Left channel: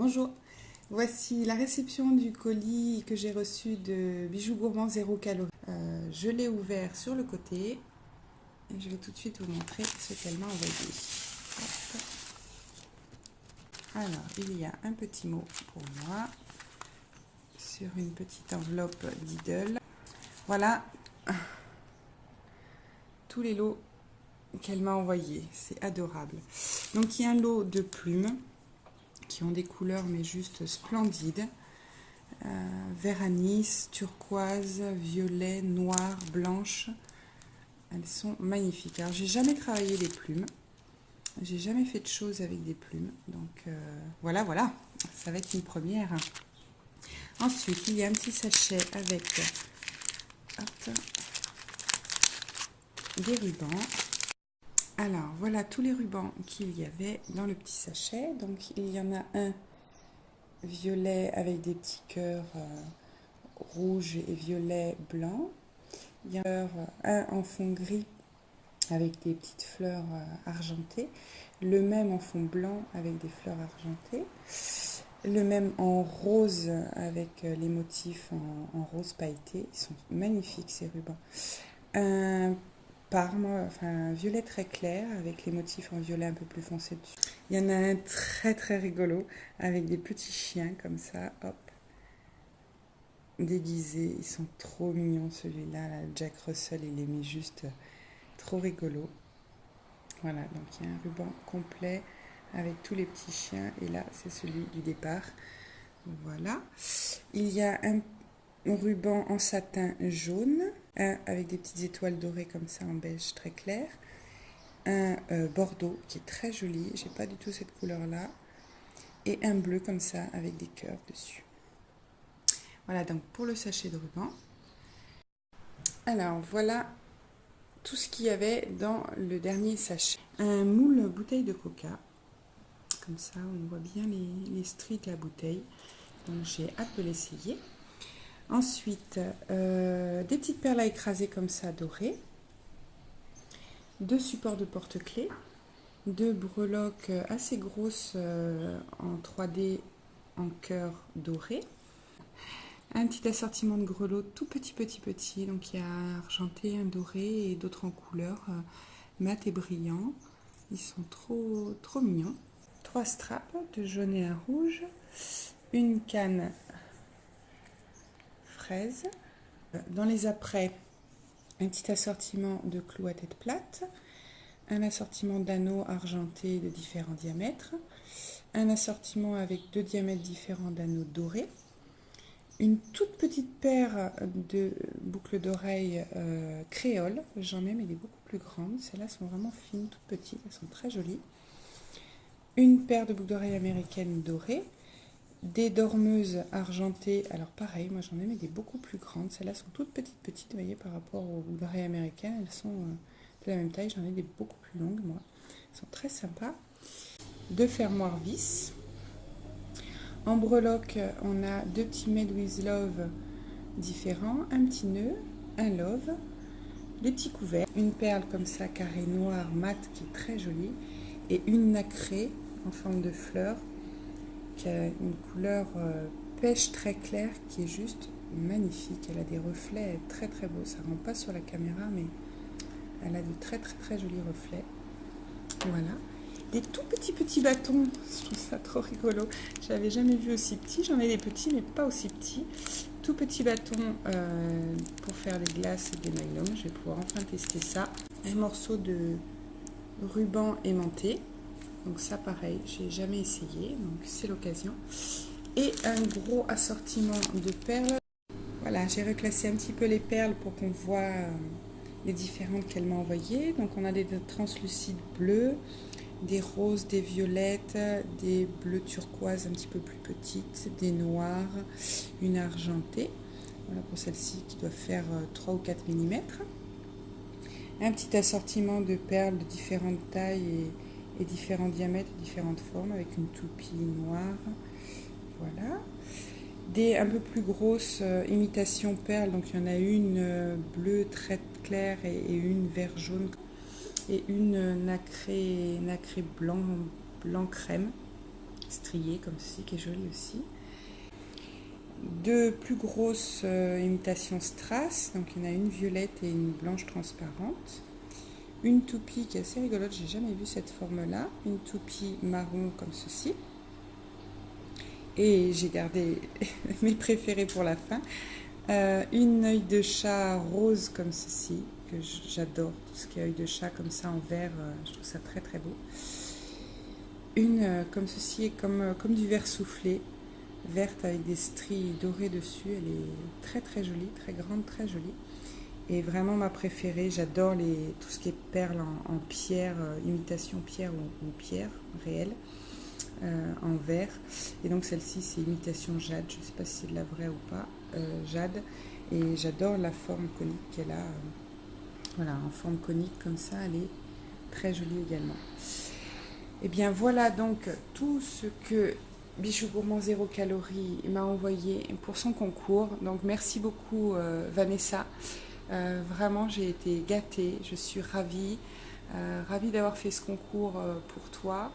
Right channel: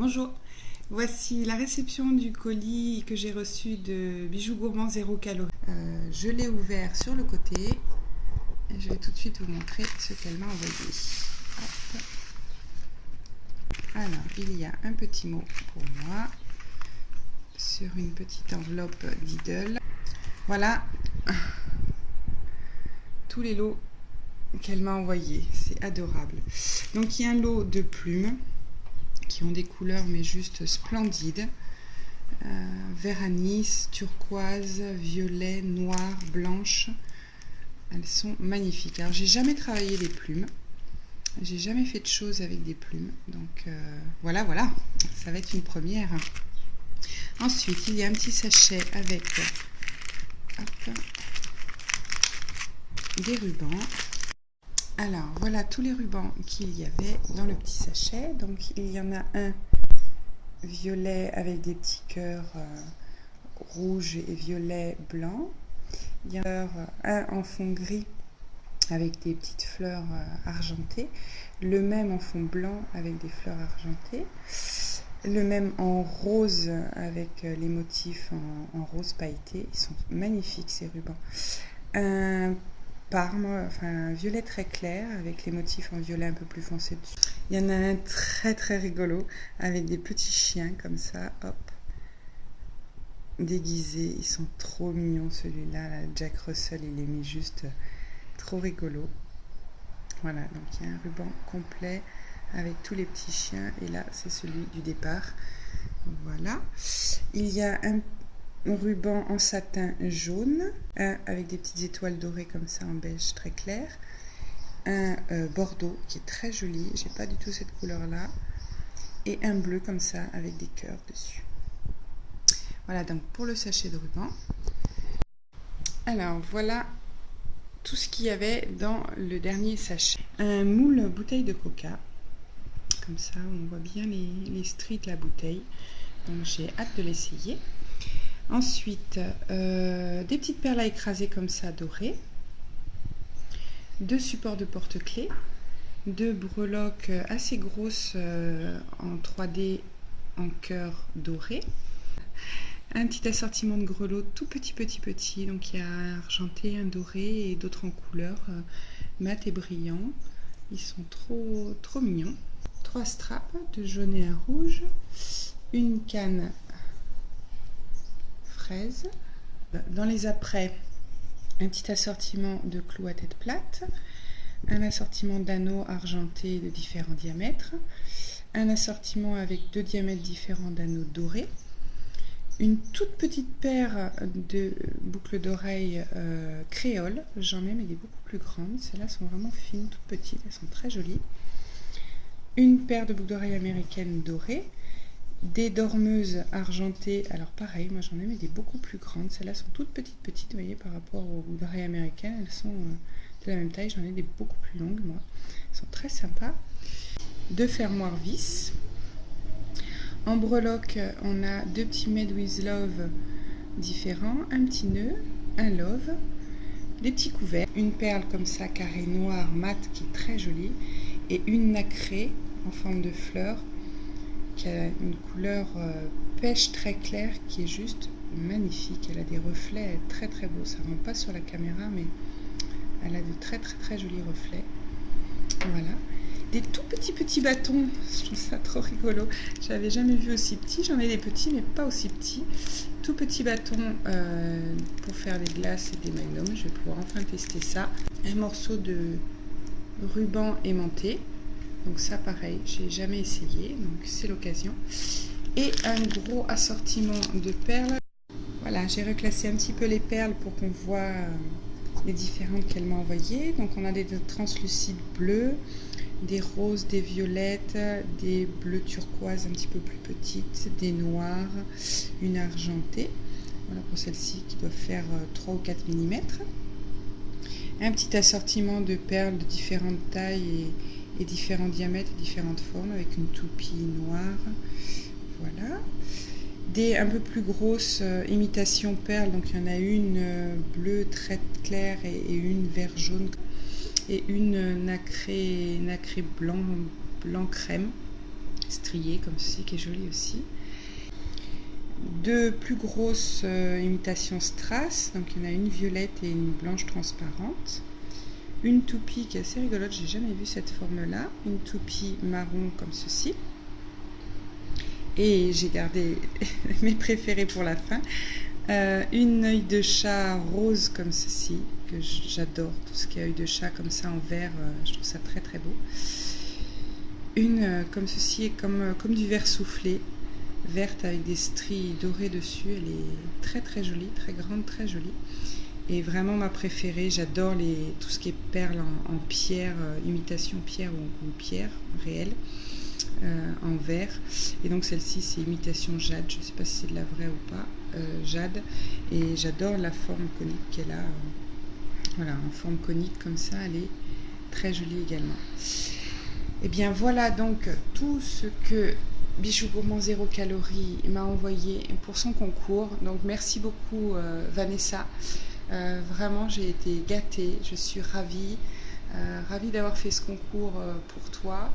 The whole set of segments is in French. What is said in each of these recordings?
Bonjour, voici la réception du colis que j'ai reçu de Bijoux Gourmands 0 calories. Je l'ai ouvert sur le côté et je vais tout de suite vous montrer ce qu'elle m'a envoyé. Hop. Alors, il y a un petit mot pour moi sur une petite enveloppe Lidl. Voilà tous les lots qu'elle m'a envoyés, c'est adorable. Donc il y a un lot de plumes qui ont des couleurs mais juste splendides, vert anis, turquoise, violet, noir, blanche. Elles sont magnifiques. Alors j'ai jamais travaillé les plumes, j'ai jamais fait de choses avec des plumes, donc voilà, ça va être une première. Ensuite il y a un petit sachet avec des rubans. Alors voilà tous les rubans qu'il y avait dans le petit sachet. Donc il y en a un violet avec des petits cœurs rouges et violet blanc. Il y en a un en fond gris avec des petites fleurs argentées. Le même en fond blanc avec des fleurs argentées. Le même en rose avec les motifs en rose pailleté. Ils sont magnifiques ces rubans. Un parme, enfin un violet très clair avec les motifs en violet un peu plus foncé dessus. Il y en a un très rigolo avec des petits chiens comme ça, hop, déguisés. Ils sont trop mignons celui-là, là, Jack Russell, il est mis juste trop rigolo. Voilà, donc il y a un ruban complet avec tous les petits chiens et là c'est celui du départ. Voilà, il y a un ruban en satin jaune, un avec des petites étoiles dorées comme ça en beige très clair, un bordeaux qui est très joli, j'ai pas du tout cette couleur là, et un bleu comme ça avec des cœurs dessus. Voilà donc pour le sachet de ruban. Alors voilà tout ce qu'il y avait dans le dernier sachet. Un moule bouteille de coca, comme ça on voit bien les stries de la bouteille, donc j'ai hâte de l'essayer. Ensuite, des petites perles à écraser comme ça dorées, 2 supports de porte-clés, 2 breloques assez grosses en 3D en cœur doré, un petit assortiment de grelots tout petit, donc il y a un argenté, un doré et d'autres en couleur mat et brillant. Ils sont trop mignons. 3 straps de jaune et un rouge, une canne fraise. Dans les apprêts, un petit assortiment de clous à tête plate, un assortiment d'anneaux argentés de différents diamètres, un assortiment avec 2 diamètres différents d'anneaux dorés, une toute petite paire de boucles d'oreilles créoles, j'en ai mais des beaucoup plus grandes, celles-là sont vraiment fines, toutes petites, elles sont très jolies, une paire de boucles d'oreilles américaines dorées, des dormeuses argentées, alors pareil, moi j'en ai mais des beaucoup plus grandes, celles-là sont toutes petites, vous voyez, par rapport aux boucles d'oreilles américaines, elles sont de la même taille, j'en ai des beaucoup plus longues moi, elles sont très sympas. 2 fermoirs vis. En breloque, on a 2 petits Made with Love différents, un petit nœud, un love, des petits couverts, une perle comme ça carré noir mat qui est très jolie et une nacrée en forme de fleur qui a une couleur pêche très claire qui est juste magnifique. Elle a des reflets très beaux, ça ne rend pas sur la caméra mais elle a de très jolis reflets. Voilà, des tout petits bâtons, je trouve ça trop rigolo, j'avais jamais vu aussi petit, j'en ai des petits mais pas aussi petits, tout petits bâtons pour faire des glaces et des magnums. Je vais pouvoir enfin tester ça. Un morceau de ruban aimanté, donc ça pareil, j'ai jamais essayé, donc c'est l'occasion. Et un gros assortiment de perles. Voilà, j'ai reclassé un petit peu les perles pour qu'on voit les différentes qu'elle m'a envoyées. Donc on a des translucides bleus, des roses, des violettes, des bleus turquoise un petit peu plus petites, des noirs, une argentée. Voilà pour celle-ci qui doit faire 3 ou 4 mm. Un petit assortiment de perles de différentes tailles et différents diamètres et différentes formes avec une toupie noire. Voilà. Des un peu plus grosses imitations perles, donc il y en a une bleue très claire et une vert jaune et une nacré blanc crème striée comme ceci qui est jolie aussi. Deux plus grosses imitations strass, donc il y en a une violette et une blanche transparente. Une toupie qui est assez rigolote, j'ai jamais vu cette forme-là. Une toupie marron comme ceci. Et j'ai gardé mes préférés pour la fin. Une œil de chat rose comme ceci, que j'adore. Tout ce qui est œil de chat comme ça en vert, je trouve ça très très beau. Une comme ceci, comme du vert soufflé, verte avec des stries dorées dessus. Elle est très très jolie, très grande, très jolie. Et vraiment ma préférée, j'adore tout ce qui est perles en pierre, imitation pierre ou pierre réelle, en verre. Et donc celle-ci c'est imitation jade, je ne sais pas si c'est de la vraie ou pas, jade. Et j'adore la forme conique qu'elle a, voilà, en forme conique comme ça, elle est très jolie également. Et bien voilà donc tout ce que Bijoux Gourmand 0 calories m'a envoyé pour son concours. Donc merci beaucoup Vanessa. Vraiment j'ai été gâtée, je suis ravie d'avoir fait ce concours pour toi,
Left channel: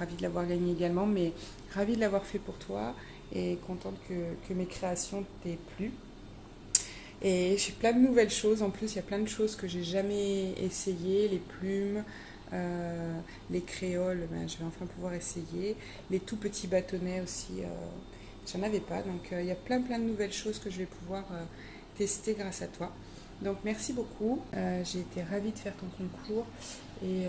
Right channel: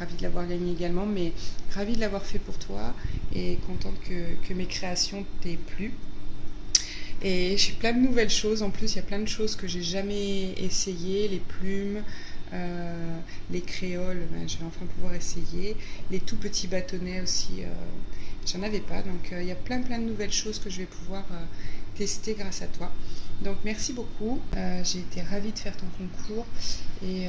ravie de l'avoir gagné également, mais ravie de l'avoir fait pour toi et contente que mes créations t'aient plu. Et j'ai plein de nouvelles choses, en plus il y a plein de choses que j'ai jamais essayées, les plumes, les créoles, je vais enfin pouvoir essayer, les tout petits bâtonnets aussi, j'en avais pas, donc il y a plein de nouvelles choses que je vais pouvoir tester grâce à toi. Donc merci beaucoup, j'ai été ravie de faire ton concours et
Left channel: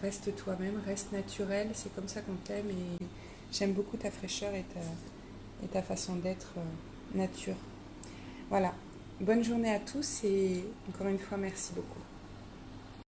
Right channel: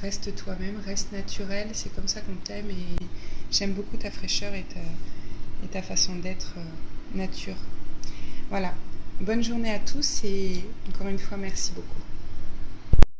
reste toi-même, reste naturel, c'est comme ça qu'on t'aime et j'aime beaucoup ta fraîcheur et ta façon d'être nature. Voilà, bonne journée à tous et encore une fois merci beaucoup.